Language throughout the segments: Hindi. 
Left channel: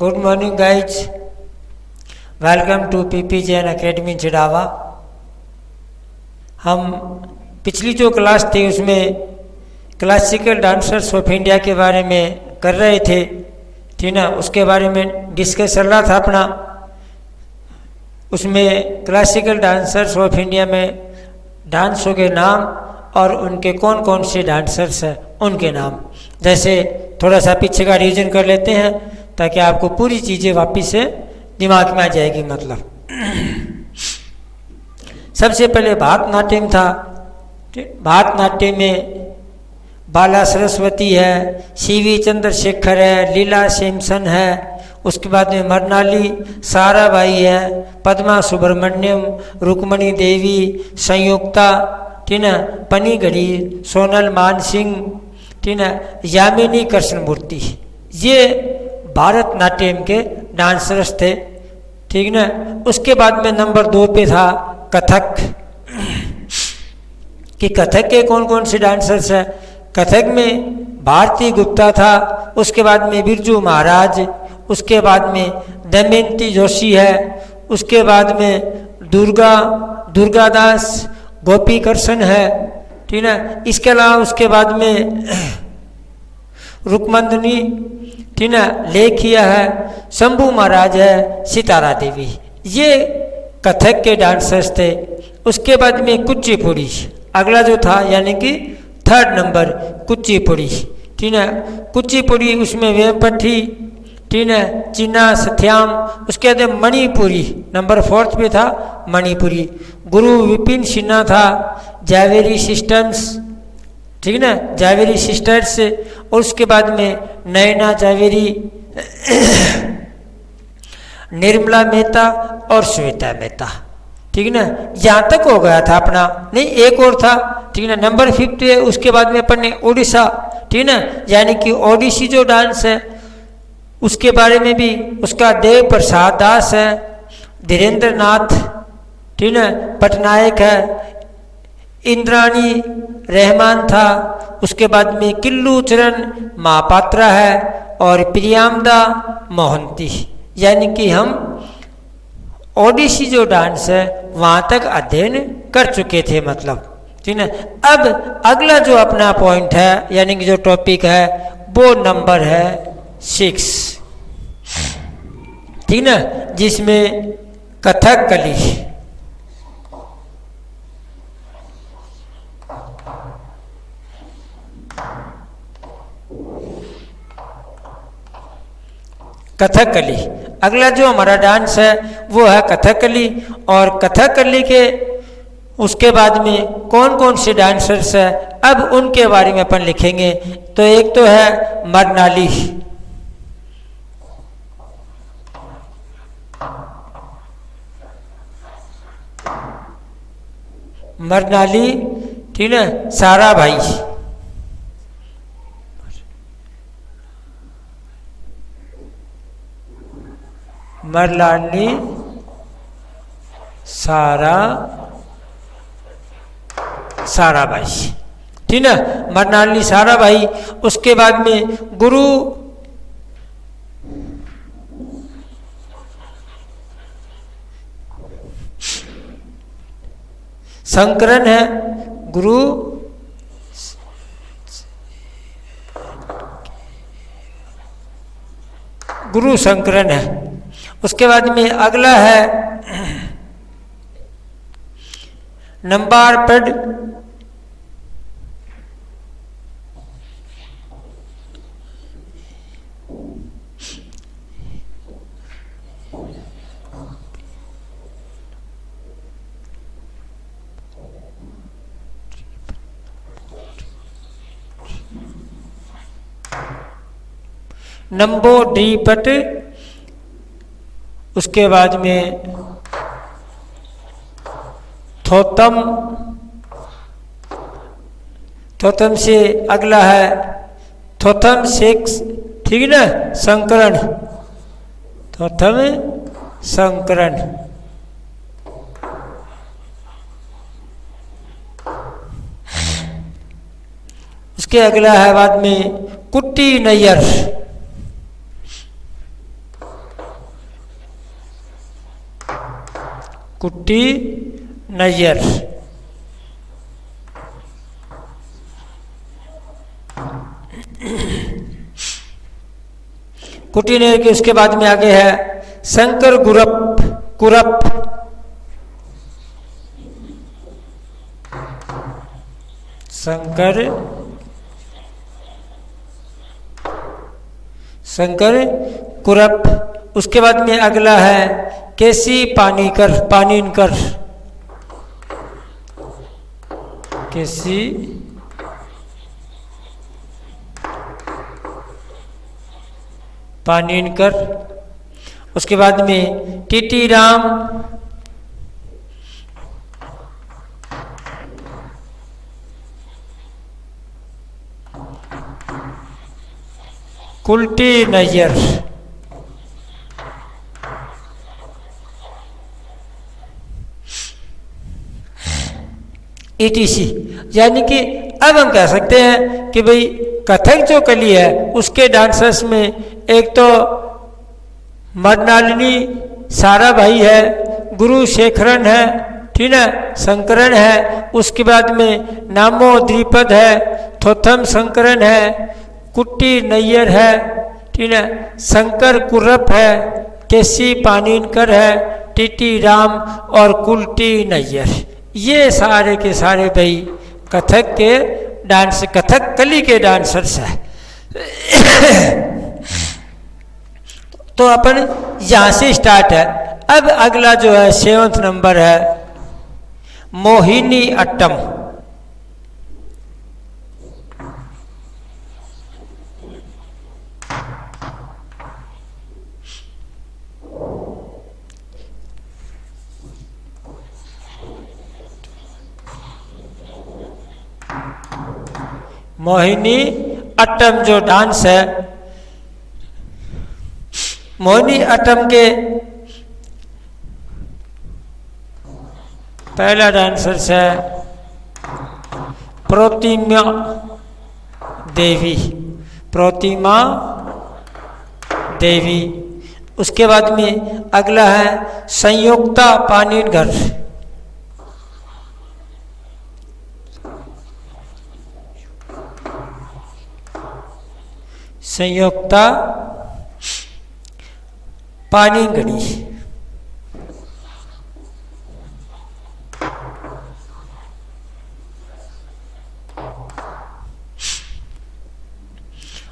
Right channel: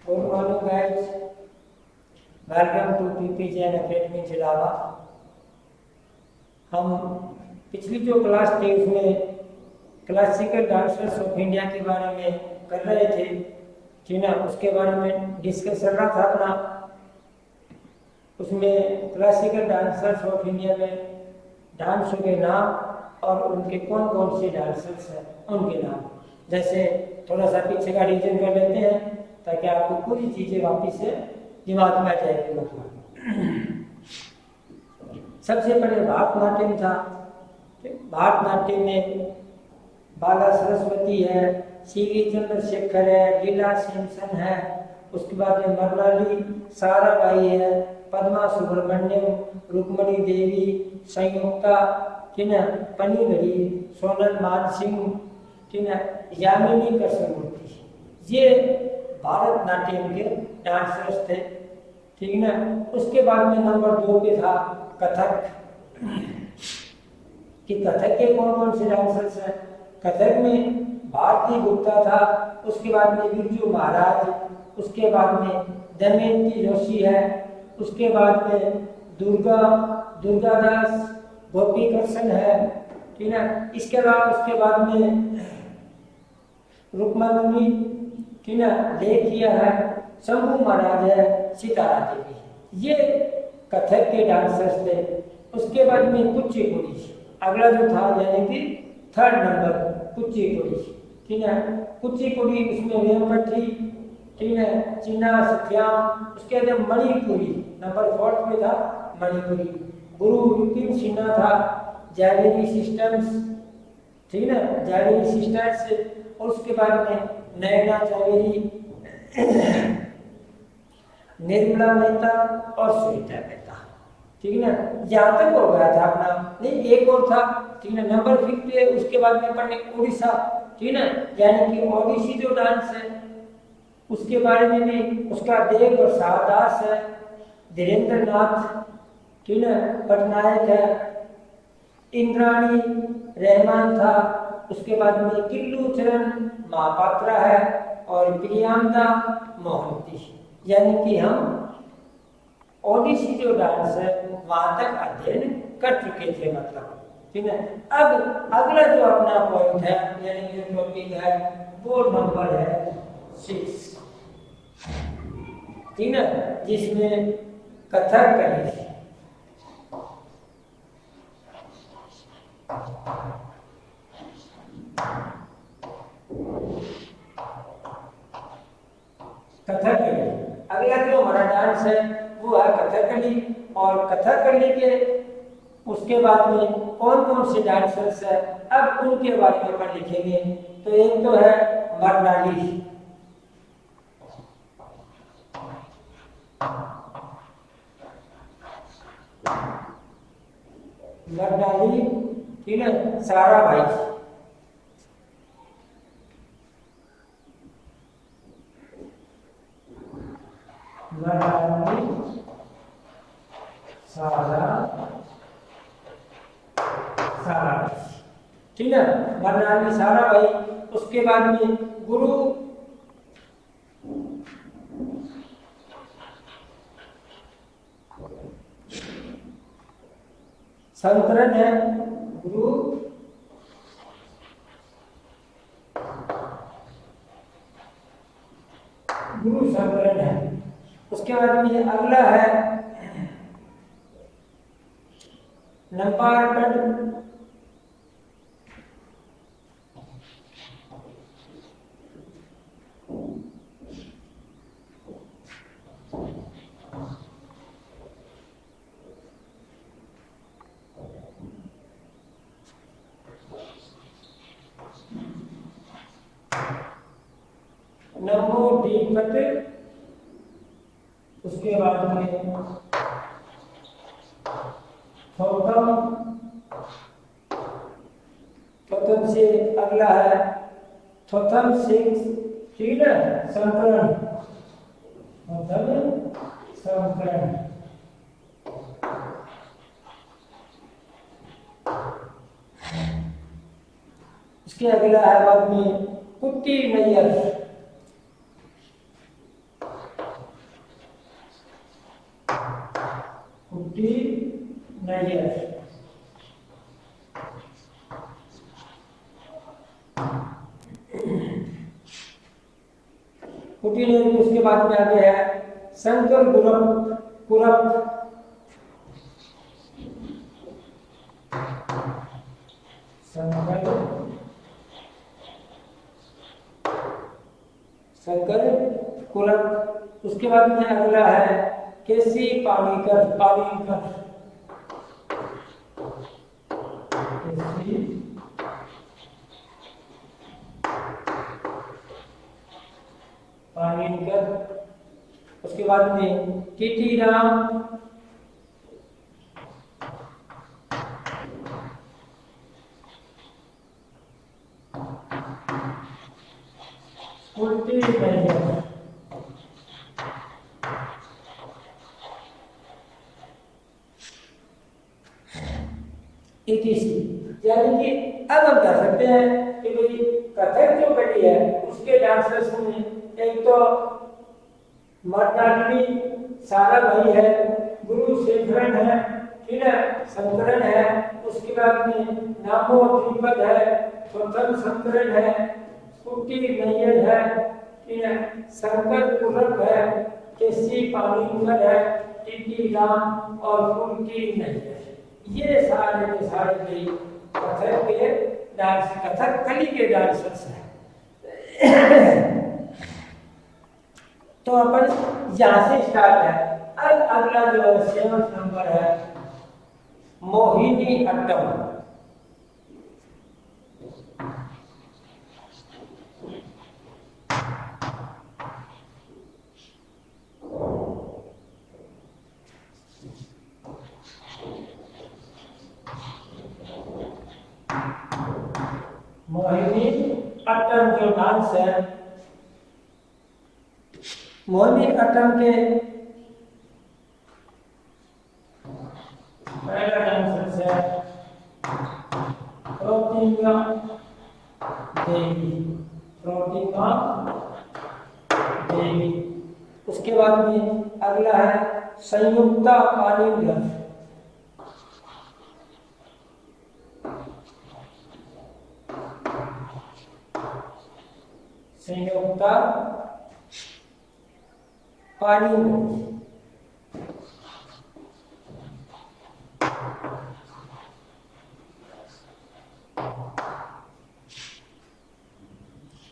Good morning guys, welcome to PP Jain academy Chirawa. हम पिछली जो क्लास थी उसमें क्लासिकल डांसर्स ऑफ इंडिया के बारे में कर रहे थे, ठीक ना। उसके बारे में डिस्कस चल रहा था अपना। उसमें क्लासिकल डांसर्स ऑफ इंडिया में डांसों के नाम और उनके कौन कौन से डांसर्स हैं उनके नाम, जैसे थोड़ा सा पीछे का रिवीजन कर लेते हैं ताकि आपको पूरी चीज़ें वापस से दिमाग में आ जाएगी। मतलब सबसे पहले भरतनाट्यम था। भरतनाट्यम में बाला सरस्वती है, सीवी चंद्रशेखर है, लीला सेमसन है, उसके बाद में मरनाली साराबाई है, पद्मा सुब्रमण्यम, रुक्मणी देवी, संयुक्ता, ठीक है, पनीगढ़ी, सोनल मानसिंह, ठीक है, यामिनी कृष्णमूर्ति। ये भरतनाट्यम के डांसर्स थे, ठीक ना। उसके बाद में नंबर 2 पे था कथक, कि कथक के कौन कौन से डांसर्स हैं। कथक में भारती गुप्ता था, उसके बाद में बिरजू महाराज, उसके बाद में दमयंती जोशी है, उसके बाद में दुर्गादास गोपी कृष्ण है, ठीक है। इसके अलावा उसके बाद में रुक्मंदनी, ठीक है, लेखिया है, शंभू महाराज है, सितारा देवी। ये कथक के डांसर्स थे। उसके बाद में कुचिपुड़ी अगला जो था, यानी कि 3rd नंबर कुचिपुड़ी, ठीक है। कुचिपुड़ी उसमें वेपट्टी, ठीक है, चीना सत्याम। उसके बाद मणिपुरी नंबर 4th पे था मणिपुरी। गुरु विपिन सिन्हा था, जावेरी सिस्टर्स, ठीक ना, जावेरी सिस्टर्स। और उसके बाद में नैना जावेरी, निर्मला मेहता और श्वेता मेहता, ठीक ना। यहाँ तक हो गया था अपना, नहीं एक और था, ठीक ना, नंबर 5 है। उसके बाद में अपन ने ओडिशा, ठीक ना, यानी कि ओडिसी जो डांस है उसके बारे में भी, उसका देव प्रसाद दास है, धीरेन्द्र नाथ, ठीक है, पटनायक है, इंद्राणी रहमान था। उसके बाद में किल्लू चरण महापात्रा है और प्रियामदा मोहंती। यानी कि हम ओडिसी जो डांस है वहाँ तक अध्ययन कर चुके थे, मतलब, ठीक है। अब अगला जो अपना पॉइंट है, यानी कि जो टॉपिक है, वो नंबर है 6, ठीक ना, जिसमें कथकली। कथकली अगला जो हमारा डांस है वो है कथकली। और कथकली के उसके बाद में कौन कौन से डांसर्स हैं, अब उनके बारे में अपन लिखेंगे। तो एक तो है मरनाली, मरनाली, ठीक है, साराभाई, मरनाली साराभाई, ठीक है, मरनाली साराभाई। उसके बाद में गुरु शंकरन है, गुरु शंकरन है। उसके बाद में अगला है नंबर पेड, नंबो डी पट। उसके बाद में थोतम, थोतम से अगला है थोतम 6, ठीक है ना, शंकरन, थोतम शंकरन। उसके अगला है बाद में कुट्टी नैयर, कुट्टी नैयर। कुट्टी नैयर के उसके बाद में आगे है शंकर गुरप कुरप। शंकर कुरप। उसके बाद में अगला है केसी पानीकर पानीनकर। केसी पानीनकर। उसके बाद में टीटी राम कुल्टी नैयर। ETC। यानी कि अब हम कह सकते हैं कि भाई कथक जो कली है उसके डांसर्स में एक तो मृणालिनी सारा भाई है, गुरु शेखरन है, ठीक है, शंकरन है, उसके बाद में नामो द्विपद है, थोथम शंकरन है, कुट्टी नैयर है, ठीक है, शंकर कुर्रप है, केसी पानीनकर है, टीटी राम और कुल्टी नैयर। ये सारे के सारे भाई कथक के डांस कथक कली के डांसर्स हैं। तो अपन यहाँ से स्टार्ट है। अब अगला जो है 7th नंबर है मोहिनी अट्टम। मोहिनी अट्टम जो डांस है, मोहिनी अट्टम के पहला डांसर्स है प्रतिमा देवी। प्रतिमा देवी। उसके बाद में अगला है संयुक्ता पानीनकर। संयुक्ता पानीगढ़ी।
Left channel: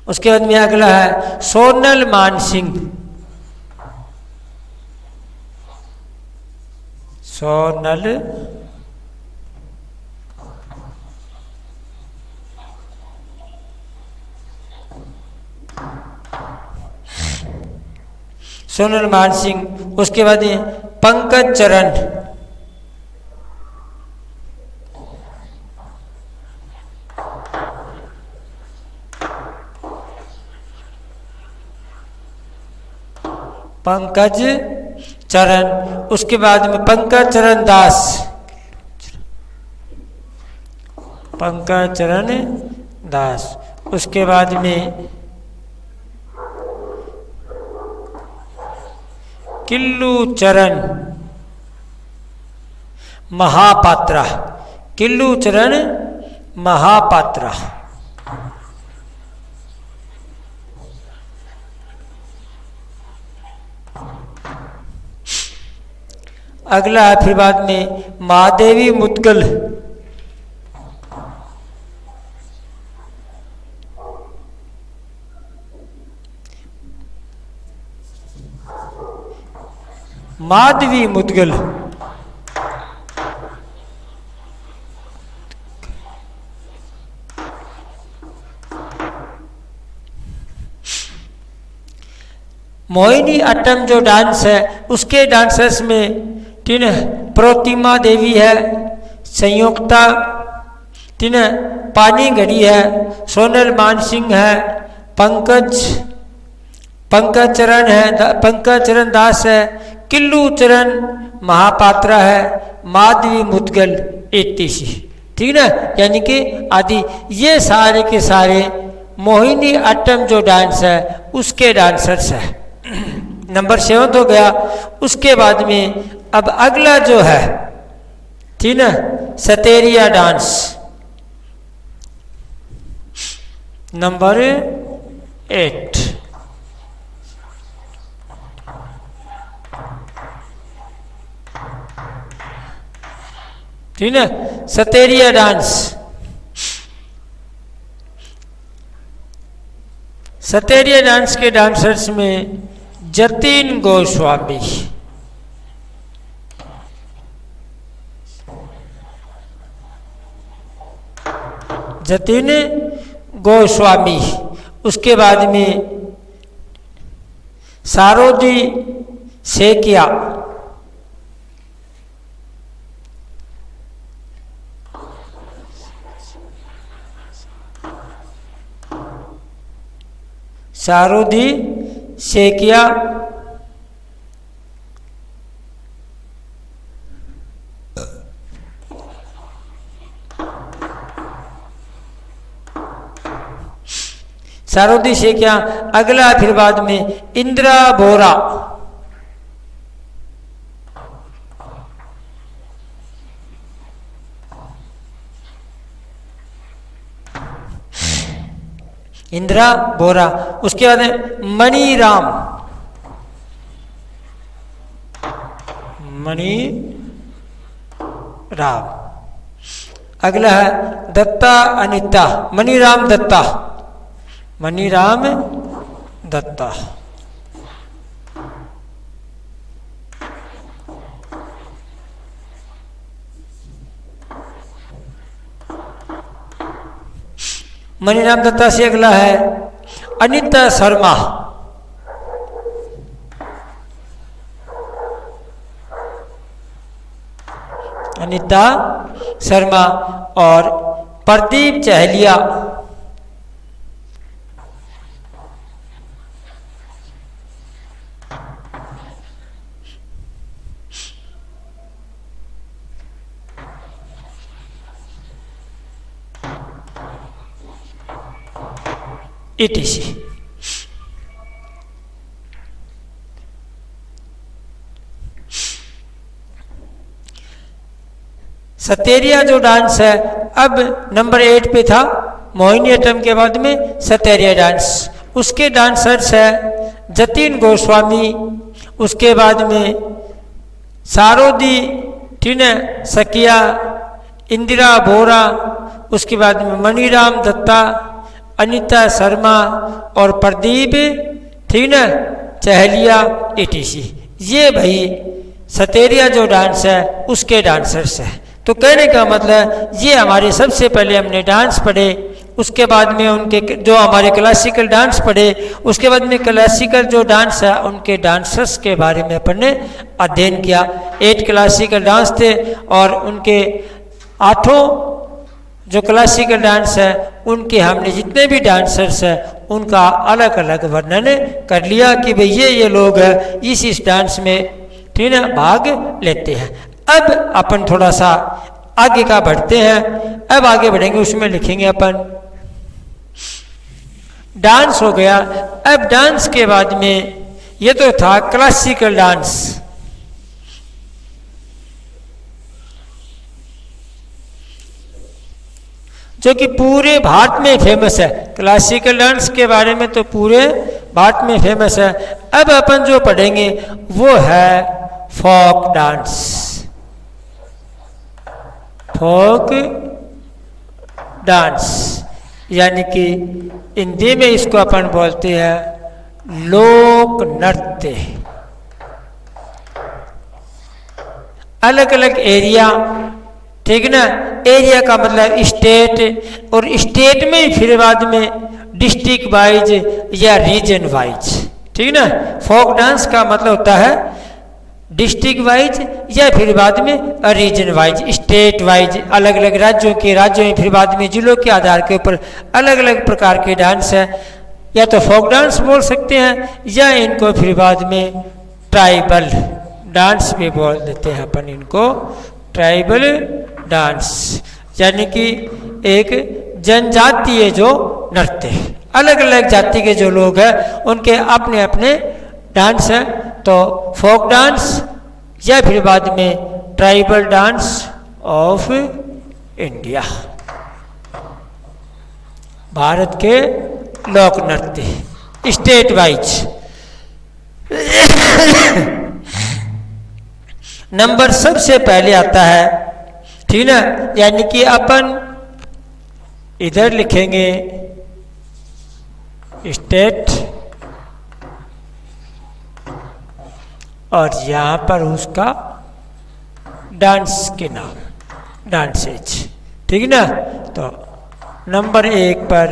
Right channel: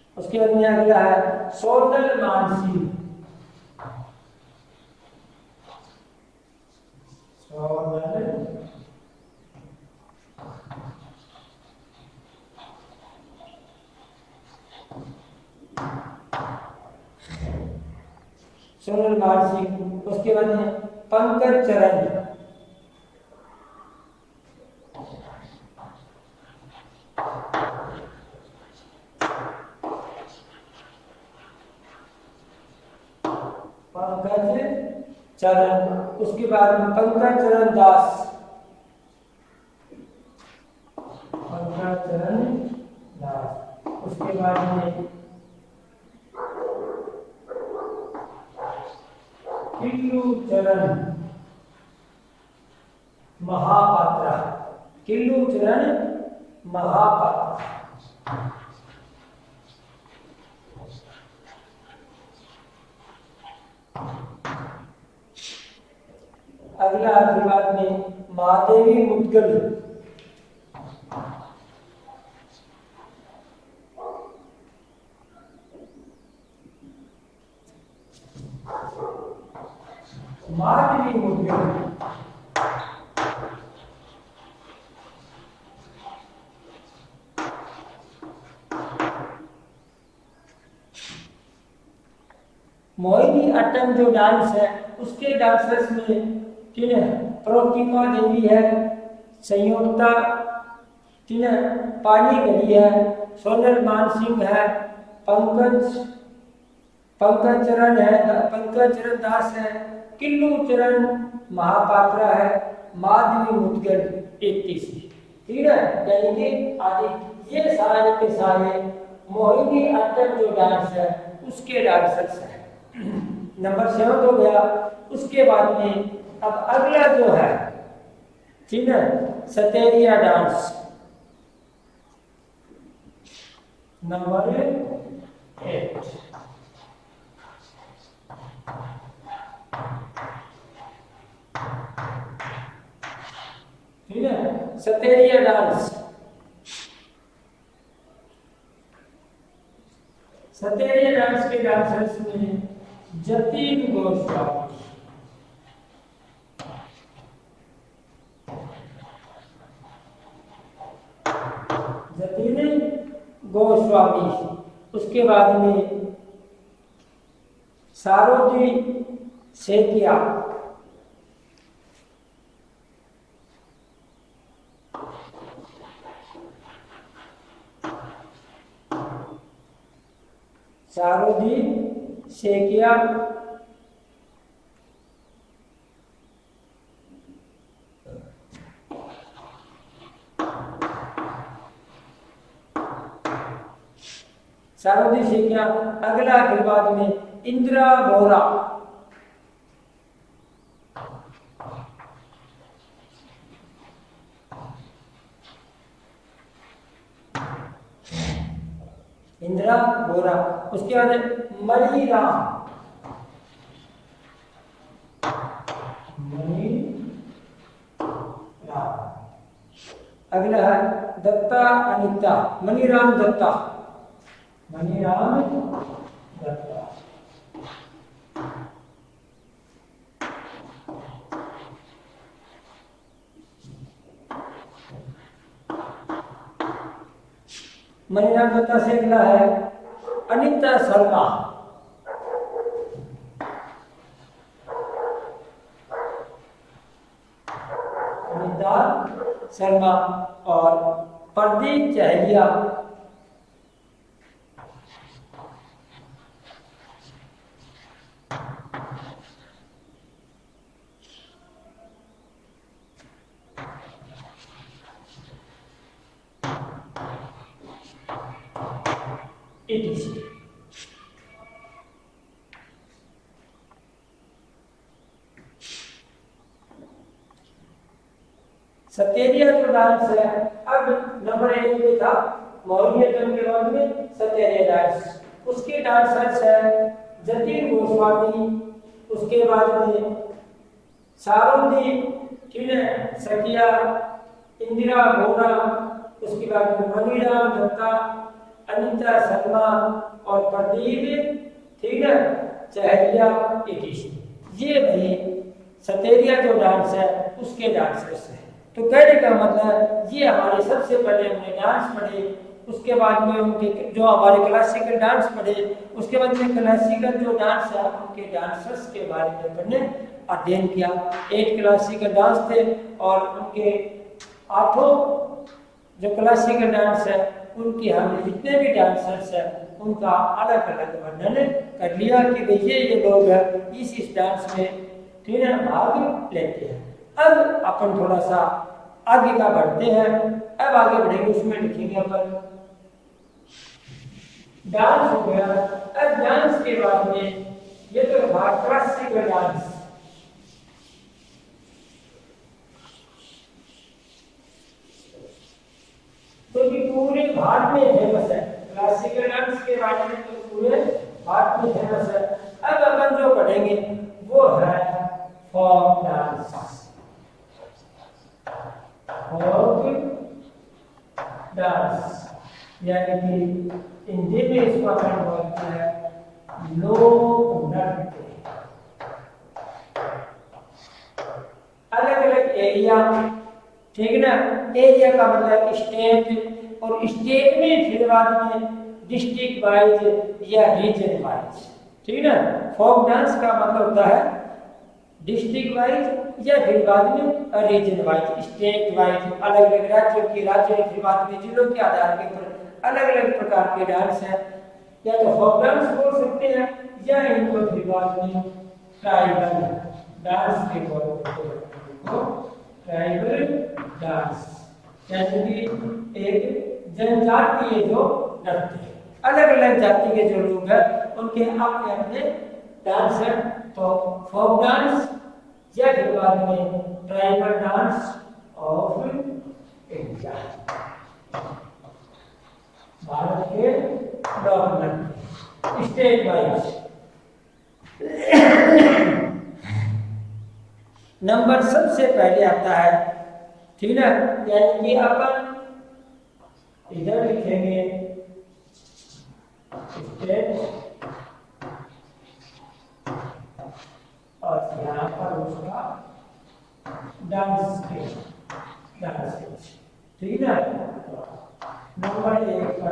उसके बाद में अगला है सोनल मानसिंह। सोनल सोनल मानसिंह। उसके बाद पंकज चरण। पंकज चरण। उसके बाद में पंकज चरण दास। पंकज चरण दास। उसके बाद में किल्लू चरण महापात्रा। किल्लू चरण महापात्रा। अगला है फिर बाद में महादेवी मुदगल। माधवी मुदगल। मोहिनी अट्टम जो डांस है उसके डांसर्स में तीन प्रतिमा देवी है, संयुक्ता तीन पानीगढ़ी है, सोनल मानसिंह है, पंकज चरण है, पंकज चरण दास है, किल्लू चरण महापात्रा है, माधवी मुदगल etc। ठीक है ना, यानी कि आदि ये सारे के सारे मोहिनी अट्टम जो डांस है उसके डांसर्स है। नंबर 7 हो गया। उसके बाद में अब अगला जो है, ठीक ना, सतेरिया डांस नंबर 8। ठीक है, सतेरिया डांस। सतेरिया डांस के डांसर्स में जतिन गोस्वामी, जतिन गोस्वामी। उसके बाद में सारोदी सेकिया, सारोदी सेकिया। सारोदी सेकिया। अगला फिर बाद में इंदिरा बोरा, इंदिरा बोरा। उसके बाद मणिराम, मणिराम। अगला है दत्ता अनिता, मणिराम दत्ता, मणिराम दत्ता। मणिराम दत्ता से अगला है अनिता शर्मा, अनिता शर्मा। और प्रदीप चहलिया, ETC। सतेरिया जो डांस है, अब नंबर 8 पे था मोहिनीअट्टम के बाद में सतेरिया डांस। उसके डांसर्स है जतिन गोस्वामी, उसके बाद में सारोदी, ठीक है, सकिया, इंदिरा बोरा, उसके बाद में मणिराम दत्ता, अनिता शर्मा और प्रदीप, ठीक ना, चहलिया, ETC। ये भाई सतेरिया जो डांस है उसके डांसर्स है। तो कहने का मतलब ये हमारे सबसे पहले हमने डांस पढ़े, उसके बाद में उनके जो हमारे क्लासिकल डांस पढ़े, उसके बाद में क्लासिकल जो डांस है उनके डांसर्स के बारे में अपन ने अध्ययन किया। 8 क्लासिकल डांस थे और उनके 8 जो क्लासिकल डांस है उनके हमने जितने भी डांसर्स हैं उनका अलग अलग वर्णन कर लिया कि भाई ये लोग इस डांस में, ठीक है, भाग लेते हैं। अब अपन थोड़ा सा आगे का बढ़ते हैं। अब आगे बढ़ेंगे, उसमें लिखेंगे अपन डांस हो गया। अब डांस के बाद में ये तो था क्लासिकल डांस, जो कि पूरे भारत में फेमस है। क्लासिकल डांस के बारे में तो पूरे भारत में फेमस है। अब अपन जो पढ़ेंगे वो है फोक डांस, फोक डांस, यानी कि हिंदी में इसको अपन बोलते हैं लोक नृत्य। अलग अलग एरिया, ठीक ना, एरिया का मतलब स्टेट, और स्टेट में फिर बाद में डिस्ट्रिक्ट वाइज या रीजन वाइज, ठीक ना। फोक डांस का मतलब होता है डिस्ट्रिक्ट वाइज या फिर बाद में रीजन वाइज, स्टेट वाइज, अलग अलग राज्यों में फिर बाद में जिलों के आधार के ऊपर अलग अलग प्रकार के डांस है। या तो फोक डांस बोल सकते हैं या इनको फिर बाद में ट्राइबल डांस भी बोल देते हैं अपन इनको, ट्राइबल डांस, यानी कि एक जनजातीय जो नृत्य, अलग अलग जाति के जो लोग हैं उनके अपने अपने डांस है, तो फोक डांस या फिर बाद में tribal dance of India, Bharat के लोक नृत्य स्टेट वाइज। नंबर सबसे पहले आता है, ठीक ना, यानी कि अपन इधर लिखेंगे स्टेट और यहाँ पर उसका डांस के नाम, डांसेज, ठीक ना। तो नंबर 1 पर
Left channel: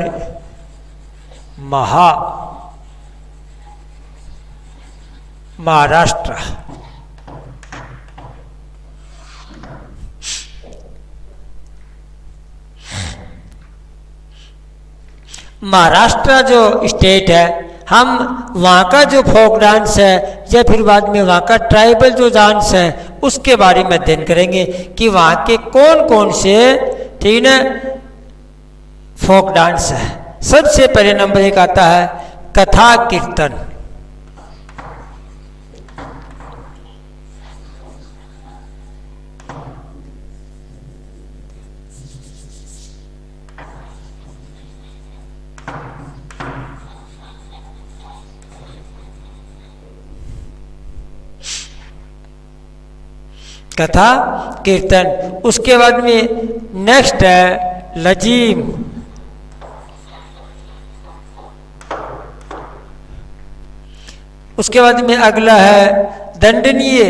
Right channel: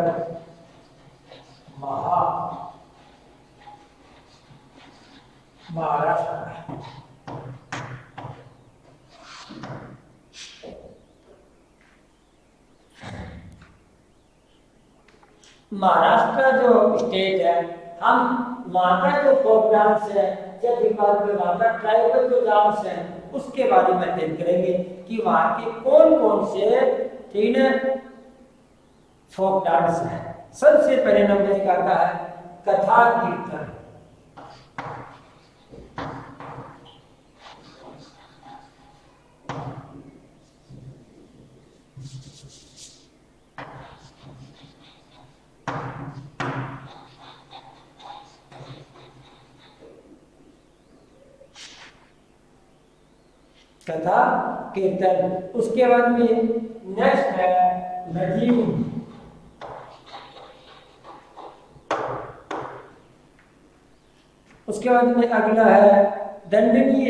महाराष्ट्र, महाराष्ट्र जो स्टेट है, हम वहाँ का जो फोक डांस है या फिर बाद में वहाँ का ट्राइबल जो डांस है उसके बारे में अध्ययन करेंगे कि वहाँ के कौन कौन से, ठीक ना, फोक डांस है। सबसे पहले नंबर 1 आता है कथा कीर्तन। कथा कीर्तन। उसके बाद में नेक्स्ट है लजीम। उसके बाद में अगला है दंडनीय।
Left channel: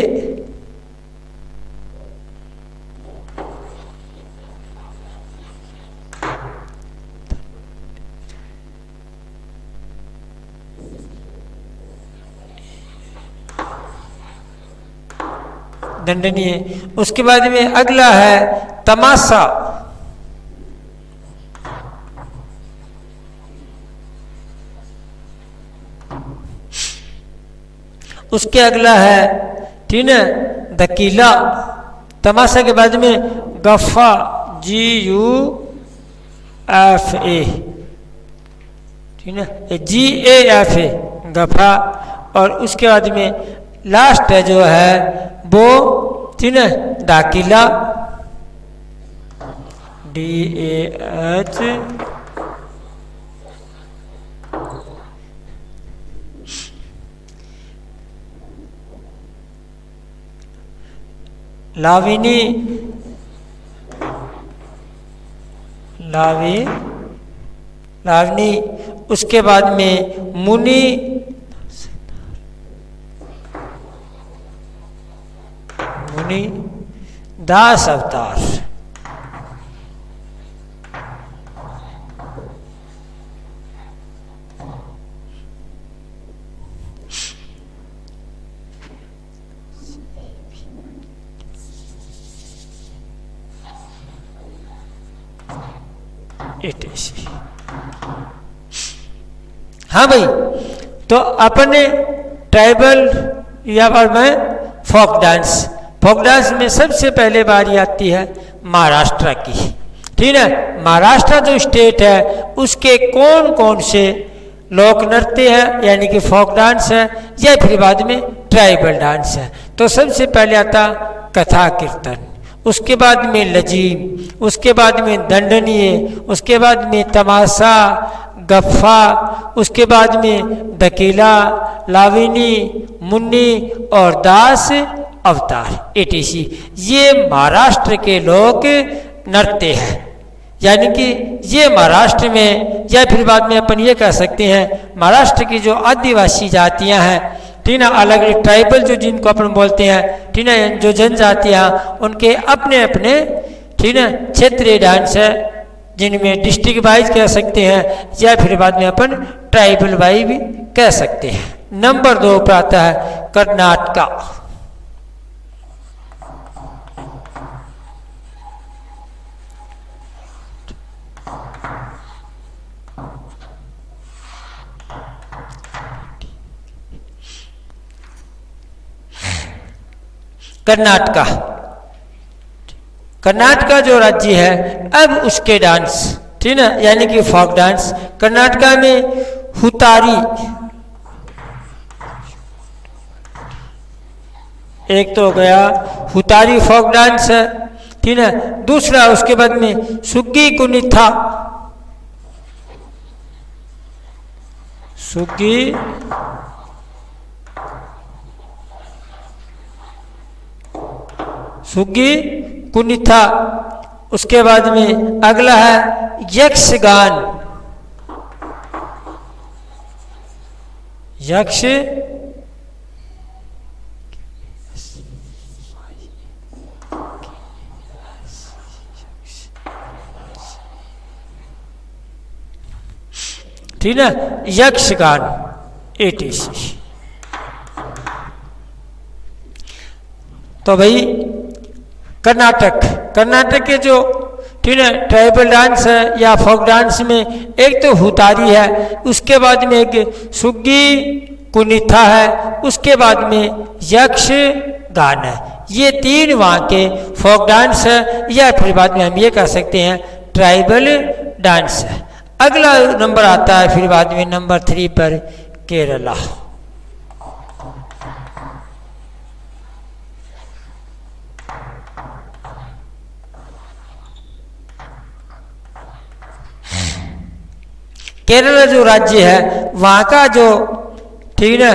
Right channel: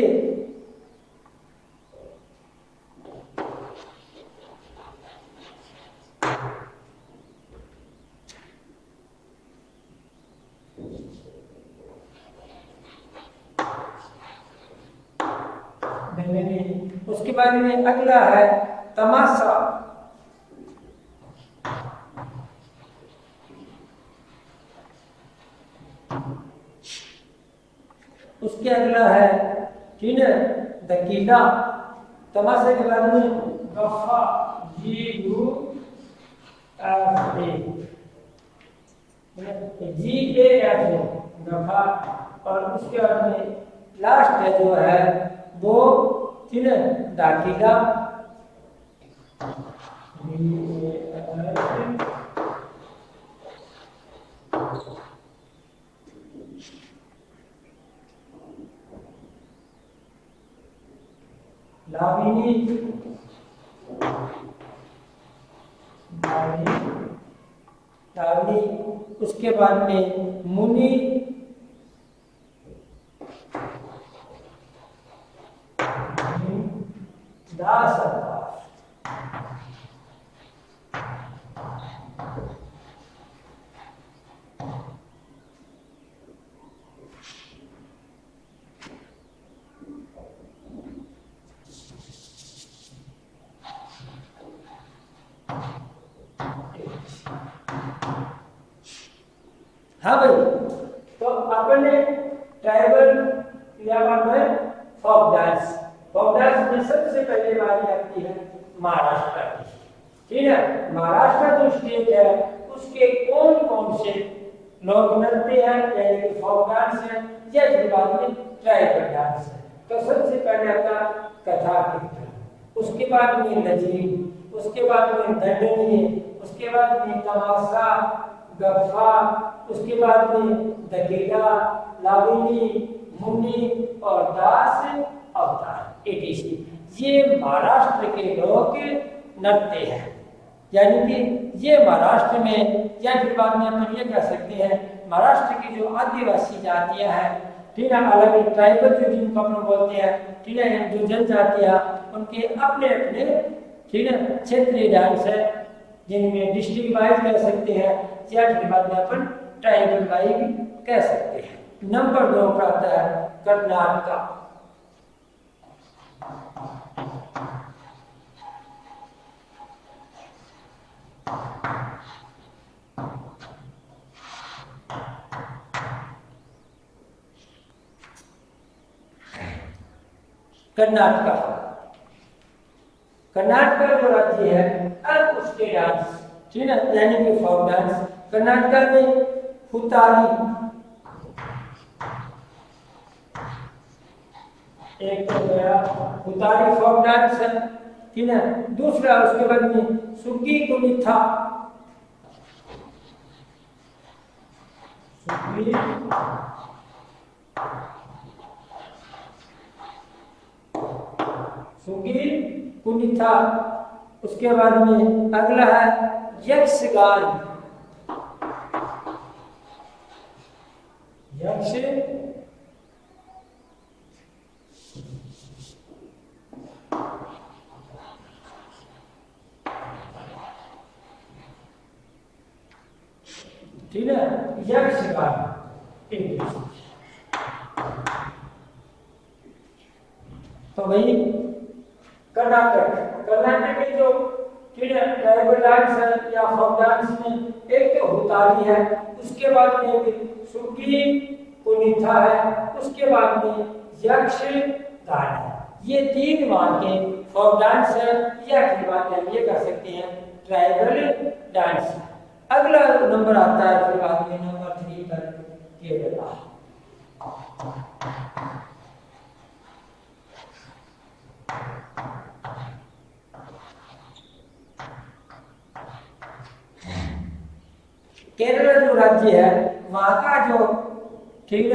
दंडनीय। उसके बाद में अगला है तमाशा। उसके अगला है, ठीक है, दकीला। तमाशा के बाद में गफ्फा, GUFA, ठीक है, GAFA, गफ्फा। और उसके बाद में लास्ट है जो है वो, ठीक है, दाखिला, DAH, लाविनी, लावनी। उसके बाद में मुनि, दास अवतार। हाँ भाई, तो अपने ट्राइबल या फिर में फोक डांस। फोक डांस में सबसे पहले बारी आती है महाराष्ट्र की, ठीक है। महाराष्ट्र जो स्टेट है उसके कौन कौन से लोक नृत्य है, यानी कि फोक डांस है या फिर बाद में ट्राइबल डांस है। तो सबसे पहले आता कथा कीर्तन, उसके बाद में लजीम, उसके बाद में दंडनीय, उसके बाद में तमाशा, गफ्फा, उसके बाद में दकीला, लाविनी, मुन्नी और दास अवतार, etc। ये महाराष्ट्र के लोक नृत्य है, यानी कि ये महाराष्ट्र में, या फिर बाद में अपन ये कह सकते हैं महाराष्ट्र की जो आदिवासी जातियां हैं, ठीक ना, अलग अलग ट्राइबल जो जिनको अपन बोलते हैं, ठीक ना, जो जनजातियां, उनके अपने अपने, ठीक ना, क्षेत्रीय डांस है, जिनमें डिस्ट्रिक्ट वाइज कह सकते हैं या फिर बाद में अपन ट्राइबल वाइज भी कह सकते हैं। नंबर 2 पर आता है कर्नाटका। कर्नाटका, कर्नाटका जो राज्य है, अब उसके डांस, ठीक है, यानी कि फोक डांस। कर्नाटका में हुतारी, एक तो हो गया हुतारी फोक डांस है, ठीक है। दूसरा उसके बाद में सुग्गी कुनिथा, सुग्गी सुग्गी कुनिथा। उसके बाद में अगला है यक्षगान, यक्ष ठीक है, यक्षगान ATC। तो भाई कर्नाटक, कर्नाटक के जो ठीक है ट्राइबल डांस है या फोक डांस में एक तो हुतारी है, उसके बाद में एक सुग्गी कुनिथा है, उसके बाद में यक्ष गान है। ये तीन वहाँ के फोक डांस है या फिर बाद में हम ये कह सकते हैं ट्राइबल डांस है। अगला नंबर आता है फिर बाद में नंबर 3 पर केरला। केरला जो राज्य है वहाँ का जो ठीक है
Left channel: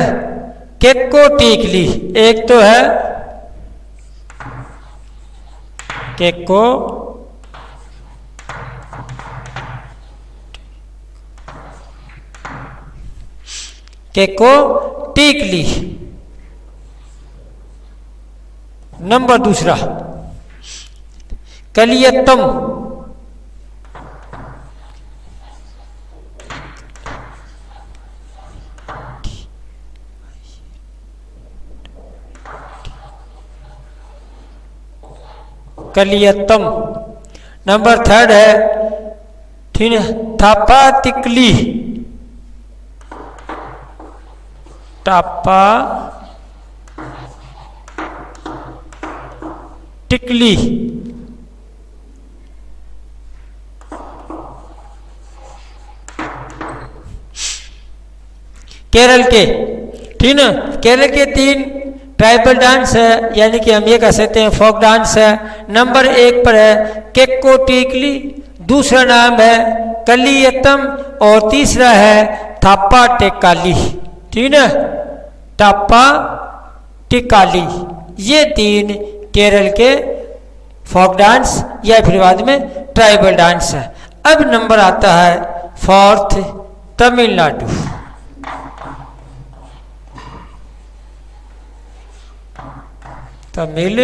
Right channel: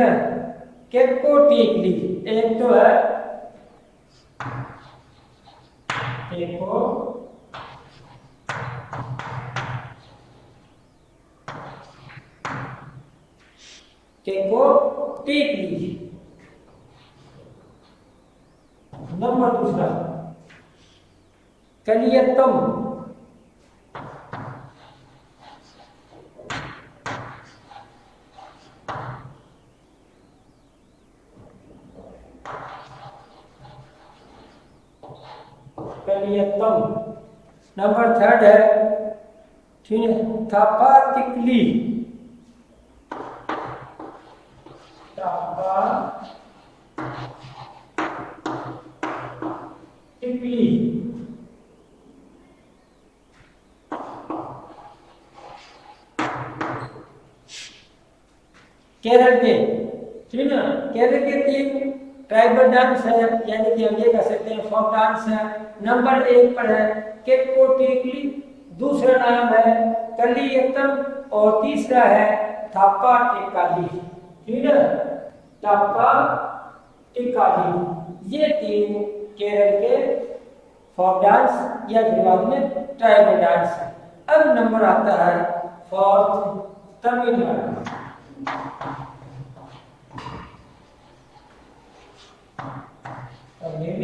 केक्को टीकली, एक तो है केक्को केक्को टीकली। नंबर दूसरा कलियत्तम, कलियत्तम। नंबर 3 है ठीक है थापा तिकली, टापा टिकली। केरल के ठीक है, केरल के 3 ट्राइबल डांस है, यानी कि हम ये कह सकते हैं फोक डांस है। नंबर 1 पर है केक्को टीकली, दूसरा नाम है कलियत्तम और तीसरा है थापा टेकाली, ठीक है टापा टिकाली। ये 3 केरल के फोक डांस या फिर बाद में ट्राइबल डांस है। अब नंबर आता है 4th तमिलनाडु। तमिल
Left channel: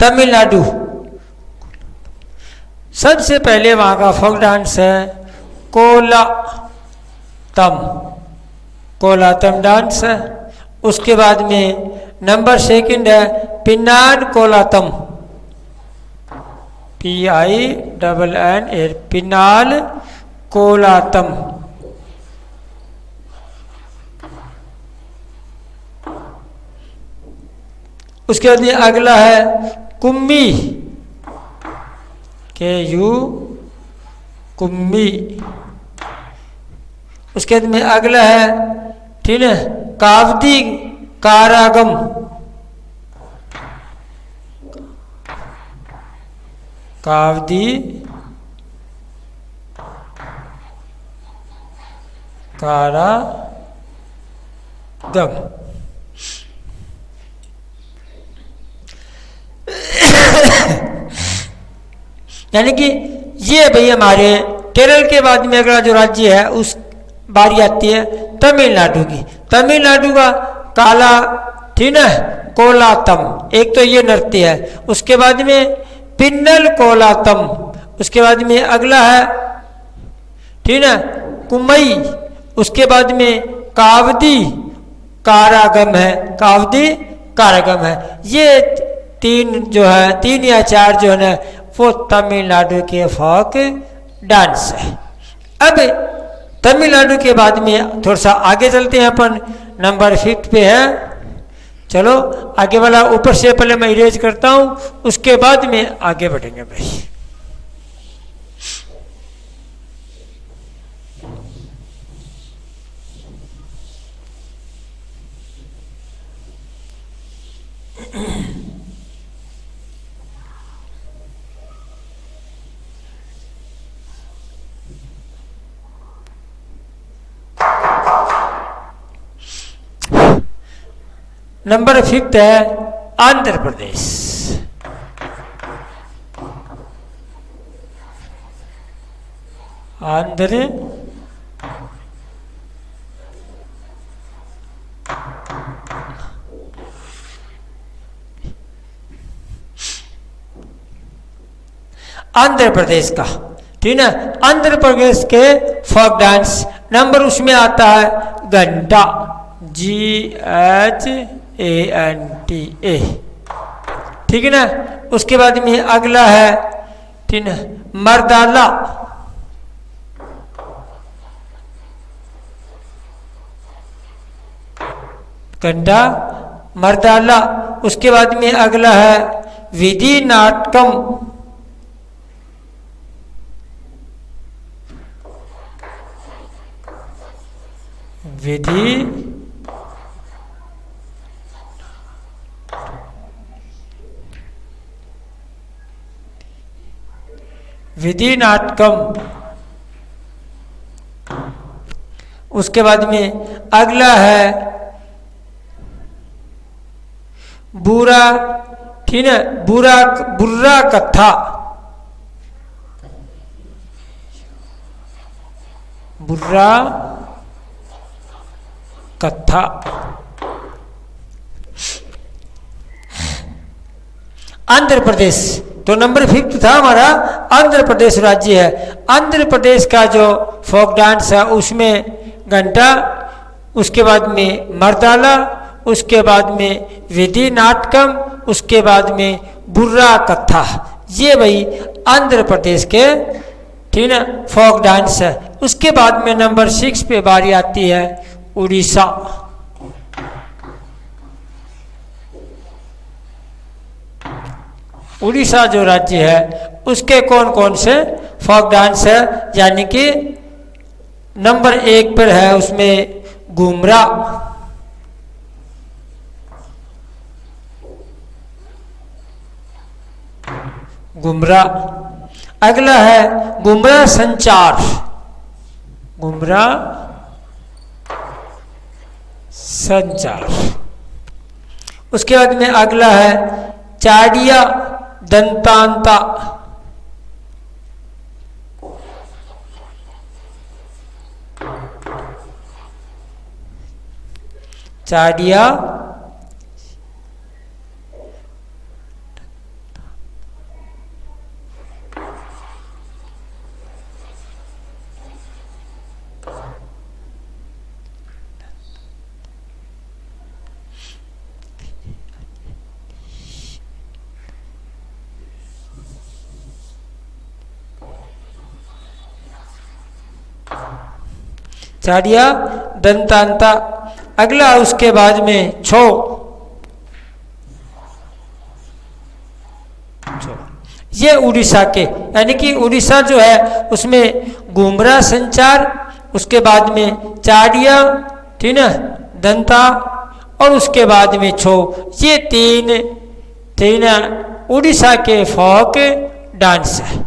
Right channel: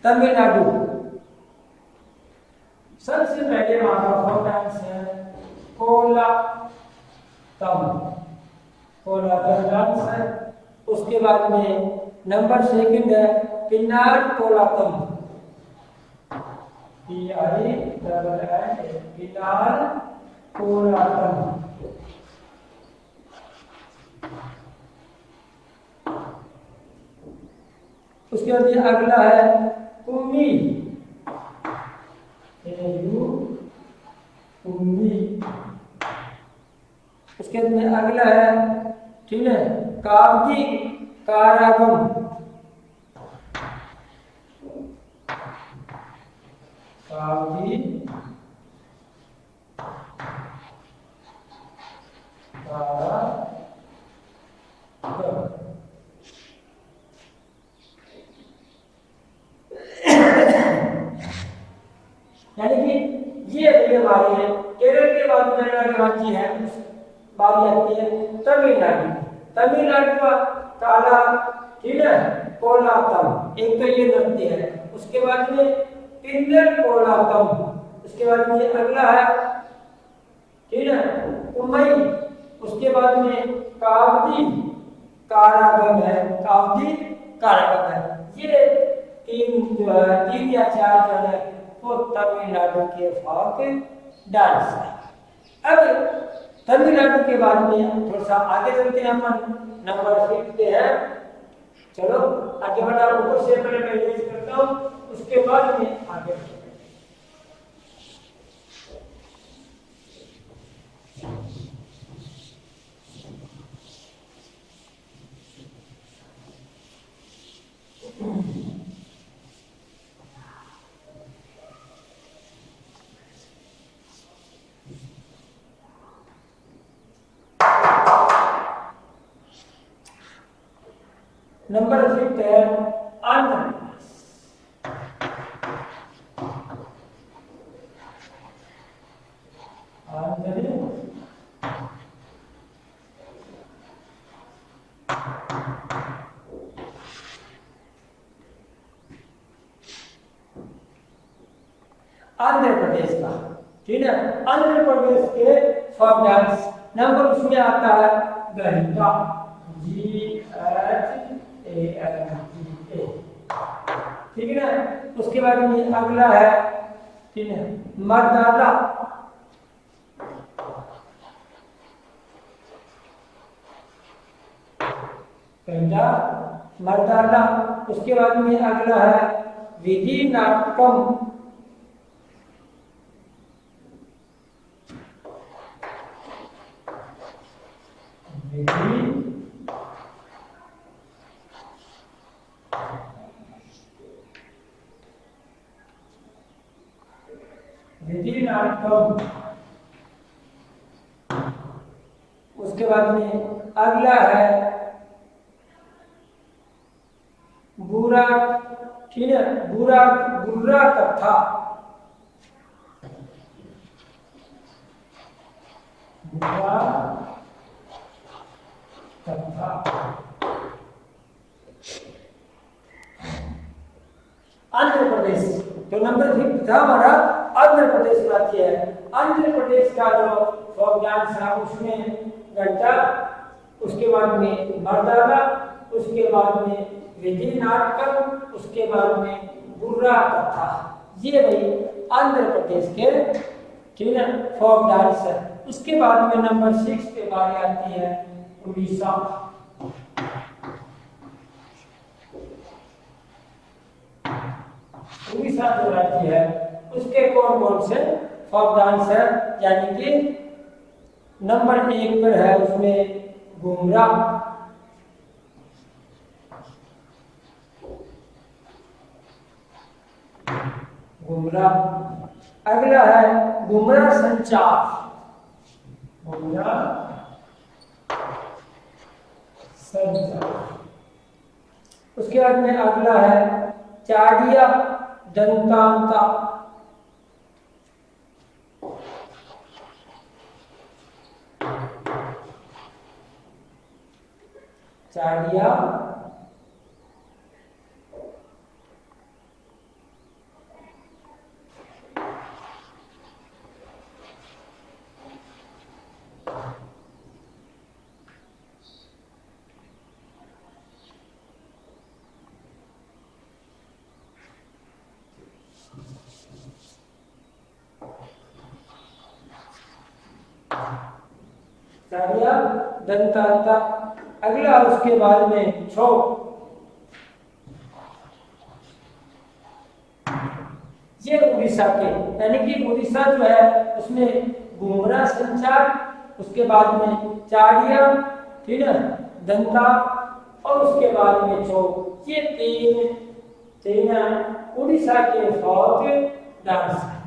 तमिलनाडु सबसे पहले वहाँ का फोक डांस है कोलातम, कोलातम डांस है। उसके बाद में नंबर 2 है पिन्नाड कोलातम, PINN पिन्नाल कोलातम। उसके बाद में अगला है कुम्मी, KU कुम्मी। उसके बाद में अगला है ठीक है कावदी कारागम, कावदी कारागम। यानी कि ये भाई हमारे केरल के बाद में अगला जो राज्य है उस बारी आती है तमिलनाडु की। तमिलनाडु का काला ठीक है कोलातम, एक तो ये नृत्य है। उसके बाद में पिन्नल कोलातम, उसके बाद में अगला है ठीक है कुमई। उसके बाद में कावदी कारागम है, कावदी कारागम है। ये 3 जो है 3 या 4 जो है ना वो तमिलनाडु के फोक डांस है। अब तमिलनाडु के बाद में थोड़ा सा आगे चलते हैं अपन, नंबर 5 पे है। चलो आगे वाला ऊपर से पहले मैं इरेज करता हूँ, उसके बाद में आगे बढ़ेंगे भाई। नंबर 5 है आंध्र प्रदेश। आंध्र आंध्र प्रदेश का, ठीक है। आंध्र प्रदेश के फोक डांस नंबर उसमें आता है घंटा, GHANTA, ठीक है ना। उसके बाद में अगला है, ठीक है, मर्दाला, घंटा मर्दाला। उसके बाद में अगला है विधि नाटकम, विधि विधि नाटकम। उसके बाद में अगला है बुरा, ठीक है, बुर्रा कथा, बुर्रा कथा। आंध्र प्रदेश तो नंबर 5 था हमारा, आंध्र प्रदेश राज्य है। आंध्र प्रदेश का जो फोक डांस है उसमें घंटा, उसके बाद में मर्दाला, उसके बाद में विधि नाटकम, उसके बाद में बुर्रा कथा। ये भाई आंध्र प्रदेश के, ठीक है, फोक डांस है। उसके बाद में नंबर 6 पे बारी आती है उड़ीसा। उड़ीसा जो राज्य है उसके कौन कौन से फोक डांस है, यानी कि नंबर 1 पर है उसमें घुमरा, घुमरा। अगला है घुमरा संचार, घुमरा संचार। उसके बाद में अगला है चाड़िया दंतांता, चाड़िया चाड़िया दंतांता। अगला उसके बाद में छो, ये उड़ीसा के, यानी कि उड़ीसा जो है उसमें घुमरा संचार, उसके बाद में चाड़िया, ठीक है, दंता, और उसके बाद में छो। ये तीन उड़ीसा के फोक डांस है।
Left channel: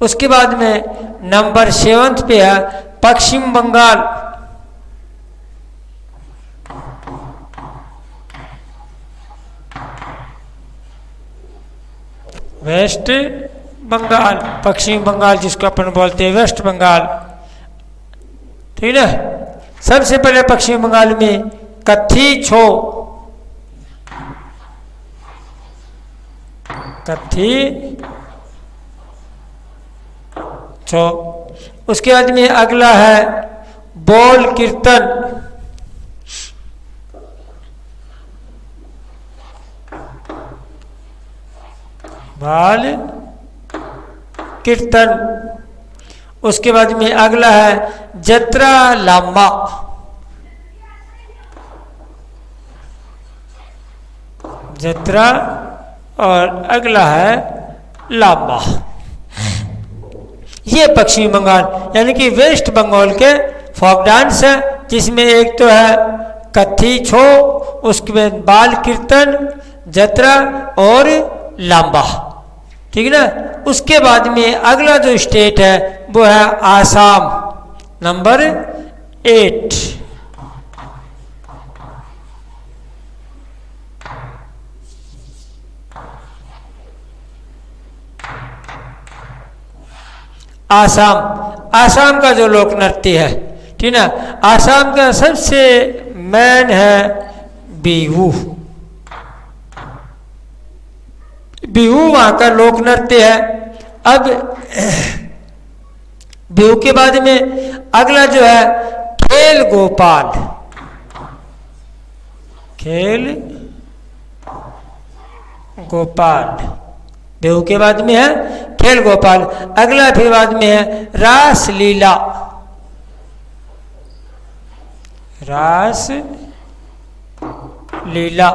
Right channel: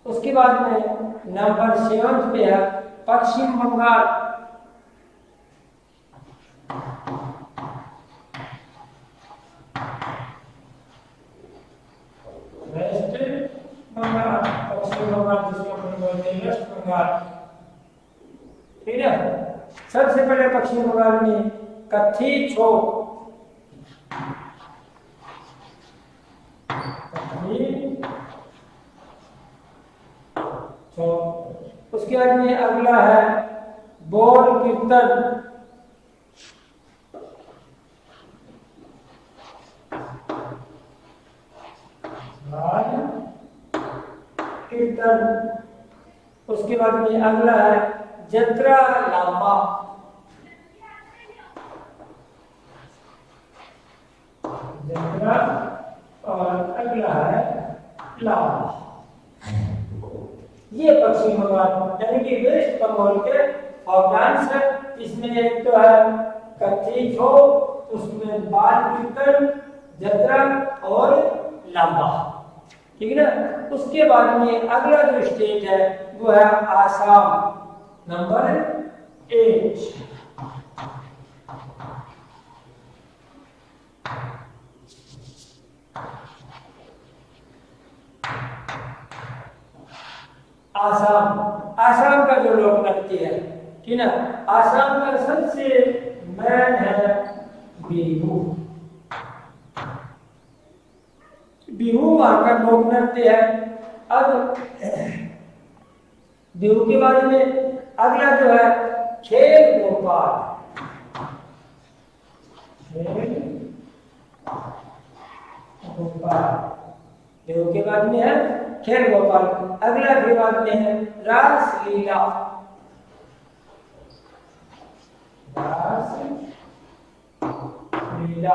उसके बाद में नंबर 7 पे है पश्चिम बंगाल, वेस्ट बंगाल, पश्चिम बंगाल जिसको अपन बोलते हैं वेस्ट बंगाल, ठीक है। सबसे पहले पश्चिम बंगाल में कत्थी छो, कत्थी छो। उसके बाद में अगला है बोल कीर्तन, बाल कीर्तन। उसके बाद में अगला है जत्रा लामा, जत्रा, और अगला है लामा। ये पश्चिम बंगाल यानी कि वेस्ट बंगाल के फोक डांस है, जिसमें एक तो है कत्थी छो, उसके बाद बाल कीर्तन, जत्रा और लांबा, ठीक है ना। उसके बाद में अगला जो स्टेट है वो है आसाम, नंबर 8। आसाम, आसाम का जो लोक नृत्य है, ठीक ना, आसाम का सबसे मेन है बिहू। बिहू वहां का लोक नृत्य है। अब बिहू के बाद में अगला जो है खेल गोपाल, खेल गोपाल, बिहू के बाद में है खेल गोपाल। अगला फिर बाद में है रास लीला, रास लीला।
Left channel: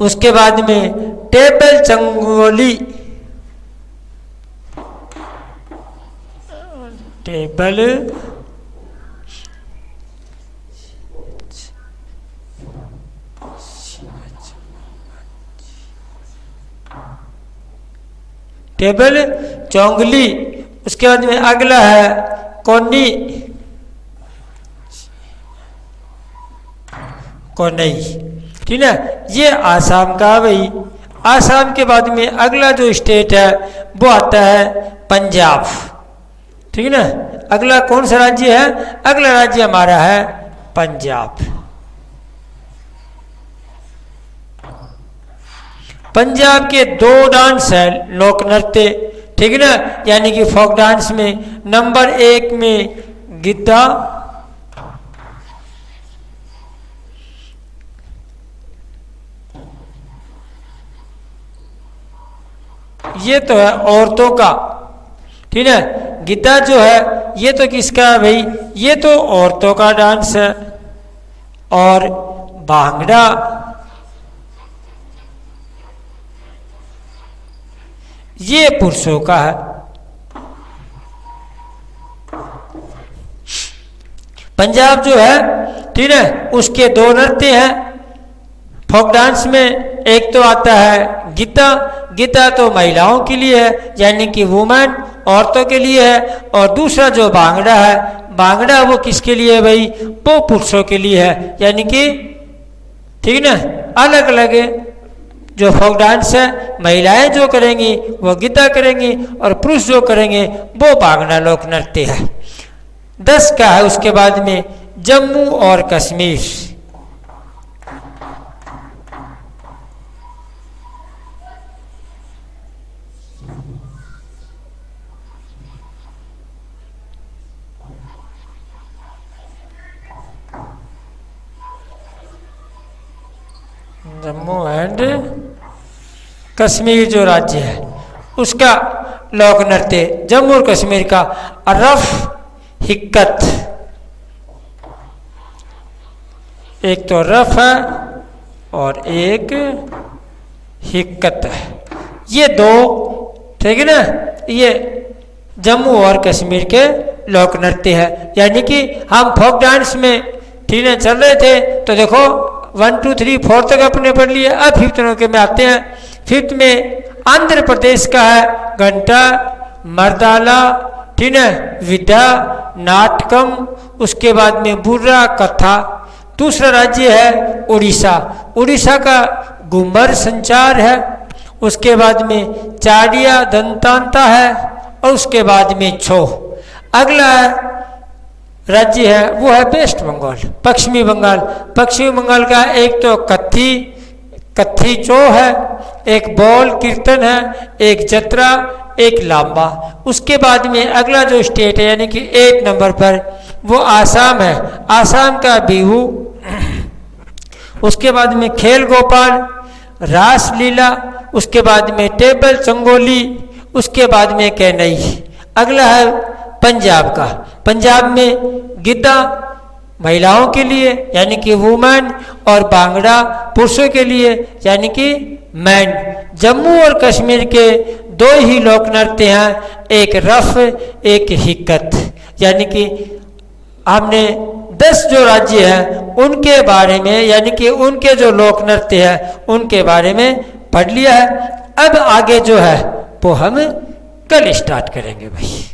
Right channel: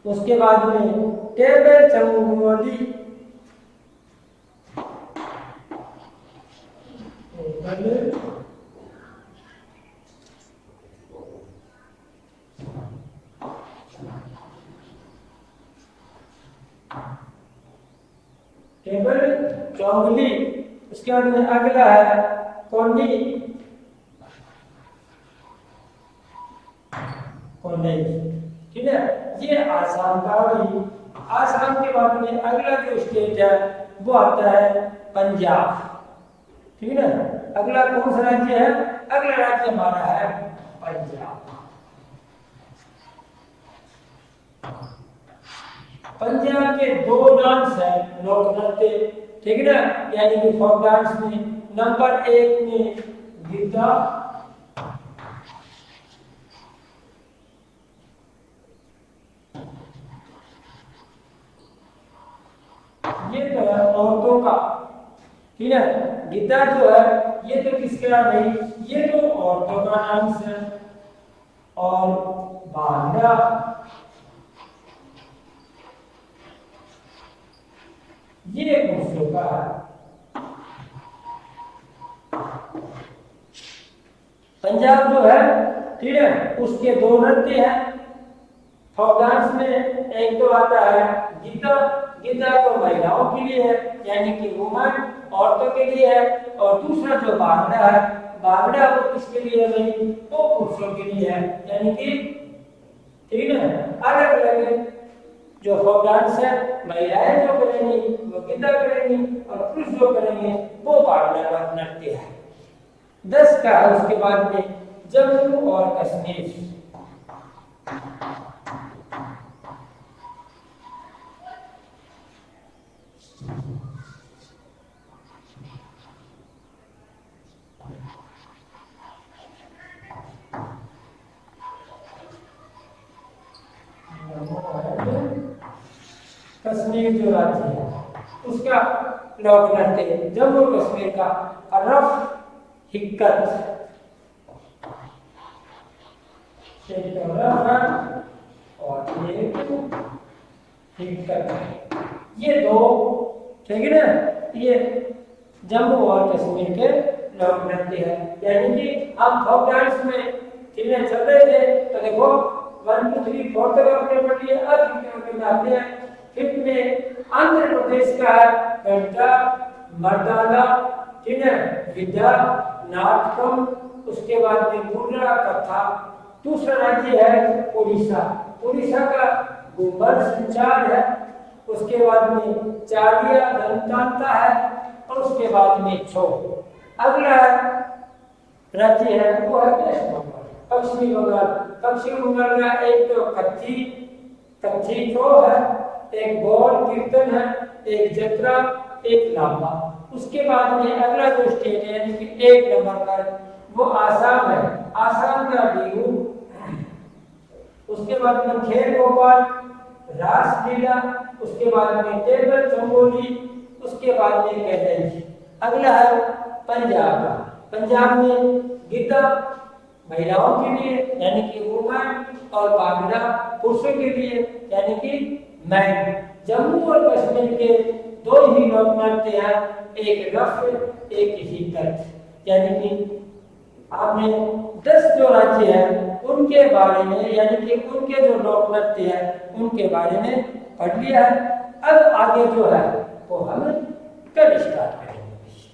उसके बाद में टेबल चंगोली, टेबल टेबल चौंगली। उसके बाद में अगला है कोनी, कोनई, ठीक है। ये आसाम का भाई। आसाम के बाद में अगला जो स्टेट है वो आता है पंजाब, ठीक है ना। अगला कौन सा राज्य है? अगला राज्य हमारा है पंजाब। पंजाब के दो डांस है लोक नृत्य, ठीक है ना, यानी कि फोक डांस में नंबर 1 में गिद्धा, ये तो है औरतों का, ठीक है। गिद्धा जो है ये तो किसका है भाई? ये तो औरतों का डांस है। और भांगड़ा ये पुरुषों का है। पंजाब जो है, ठीक है, उसके दो नृत्य हैं फोक डांस में। एक तो आता है गिद्धा, गिद्धा तो महिलाओं के लिए है, यानी कि वुमेन, औरतों के लिए है। और दूसरा जो भांगड़ा है, भांगड़ा वो किसके लिए है भाई? वो पुरुषों के लिए है, यानी कि, ठीक है ना। अलग अलग जो फोक डांस है, महिलाएं जो करेंगी वो गिद्धा करेंगी और पुरुष जो करेंगे वो भांगड़ा लोक नृत्य है। 10 का है। उसके बाद में जम्मू और कश्मीर, जम्मू एंड कश्मीर जो राज्य है उसका लोक नृत्य, जम्मू और कश्मीर का रफ हिक्कत। एक तो रफ है और एक हिक्कत है, ये दो, ठीक है ना। ये जम्मू और कश्मीर के लोक नृत्य है। यानी कि हम फोक डांस में, ठीक है, चल रहे थे तो देखो 1 2 3 4 तक अपने पढ़ लिए। अब 5th नंबर में आते हैं। 5th में आंध्र प्रदेश का है घंटा, मर्दाला, ठीक है, विद्या, नाटकम। उसके बाद में बुर्रा, कथा। दूसरा राज्य है उड़ीसा, उड़ीसा का घूमर संचार है। उसके बाद में चाड़िया दंतांता है और उसके बाद में छो। अगला राज्य है वो है वेस्ट बंगाल, पश्चिमी बंगाल। पश्चिमी बंगाल का एक तो कत्थी चो है, एक बॉल कीर्तन है, एक जत्रा, एक लांबा। उसके बाद में अगला जो स्टेट है यानी कि 8 नंबर पर वो आसाम है, आसाम का बिहू। उसके बाद में खेल गोपाल, रास लीला। उसके बाद में टेबल चंगोली। उसके बाद में कैनई। अगला है पंजाब का, पंजाब में गिद्धा महिलाओं के लिए यानी कि वुमेन और भांगड़ा पुरुषों के लिए यानी कि मैन। जम्मू और कश्मीर के 2 ही लोक नृत्य हैं, एक रफ एक हिक्कत। यानी कि हमने 10 जो राज्य हैं उनके बारे में यानी कि उनके जो लोक नृत्य हैं उनके बारे में पढ़ लिया है। अब आगे जो है वो हम कल स्टार्ट करेंगे भाई।